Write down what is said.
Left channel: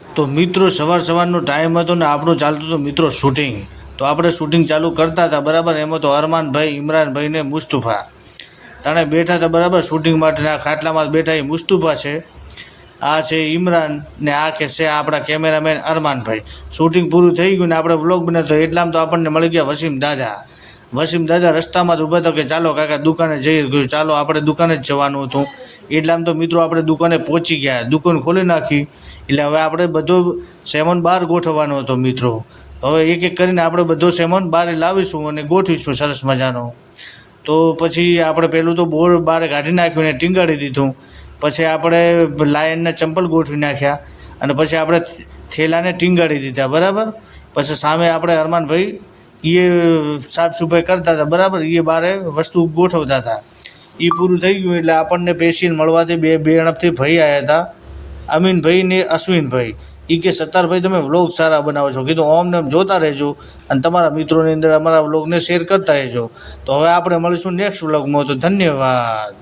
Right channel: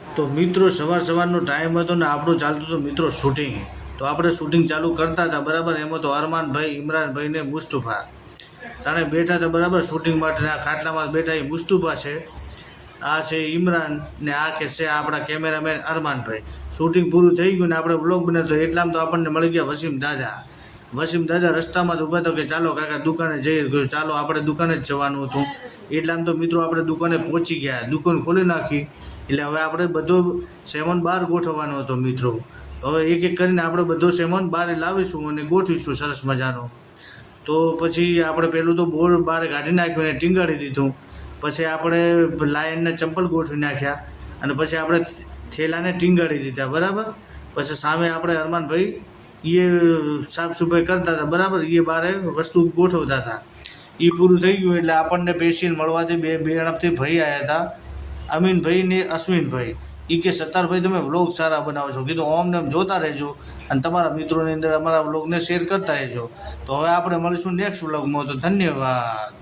તો મિત્રો સવારનો ટાઈમ હતો ને આપણું ચાલતું હતું મિત્રો શૂટિંગ. તો આપણે શૂટિંગ ચાલુ કરતા હતા બરાબર. એમાં તો અરમાનભાઈ, ઇમરાનભાઈ ને મુસ્તુફા તાણે બેઠા હતા બરાબર. શૂટિંગ માટેના ખાટલામાં બેઠા એ મુસ્તુફા છે, આ છે ઇમરાન ને આ કે છે આપણા કેમેરામેન અરમાનભાઈ. શૂટિંગ પૂરું થઈ ગયું ને આપણે વ્લોગ બનાવતો એટલામાં તો આપણને મળી ગયા વસીમ દાદા રસ્તામાં જ ઊભા હતા કે ચાલો કાકા દુકાને જઈએ. ગયું ચાલો આપણે દુકાને જ જવાનું હતું. એટલામાં તો મિત્રો આપણે દુકાને પહોંચી ગયા, દુકાન ખોલી નાખી. એટલે હવે આપણે બધો સામાન બહાર ગોઠવવાનો હતો મિત્રો. હવે એક એક કરીને આપણે બધો સામાન બહાર લાવીશું અને ગોઠવીશું સરસ મજાનો. તો પછી આપણે પહેલું તો બોર્ડ બહાર કાઢી નાખ્યું ને ટીંગાડી દીધું. પછી આપણે લાયનના ચંપલ ગોઠવી નાખ્યા અને પછી આપણે થેલાને ટીંગાડી દીધા બરાબર. પછી સામે આપણે અરમાનભાઈ એ સાફ સફાઈ કરતા હતા બરાબર. એ બારે વસ્તુ ગોઠવતા હતા. એ પૂરું થઈ ગયું એટલે આપણને પેશિયલ મળવાથી બે અણપથી ભાઈ આવ્યા હતા, અમીનભાઈ ને અશ્વિનભાઈ. એ કે સત્તારભાઈ તમે વ્લોગ સારા બનાવો છો. કીધું ઓમને એમ જોતા રહેજો અને તમારા મિત્રોની અંદર અમારા વ્લોગને શેર કરતા રહેજો. તો હવે આપણે મળીશું નેક્સ્ટ વ્લોગમાં. તો ધન્યવાદ.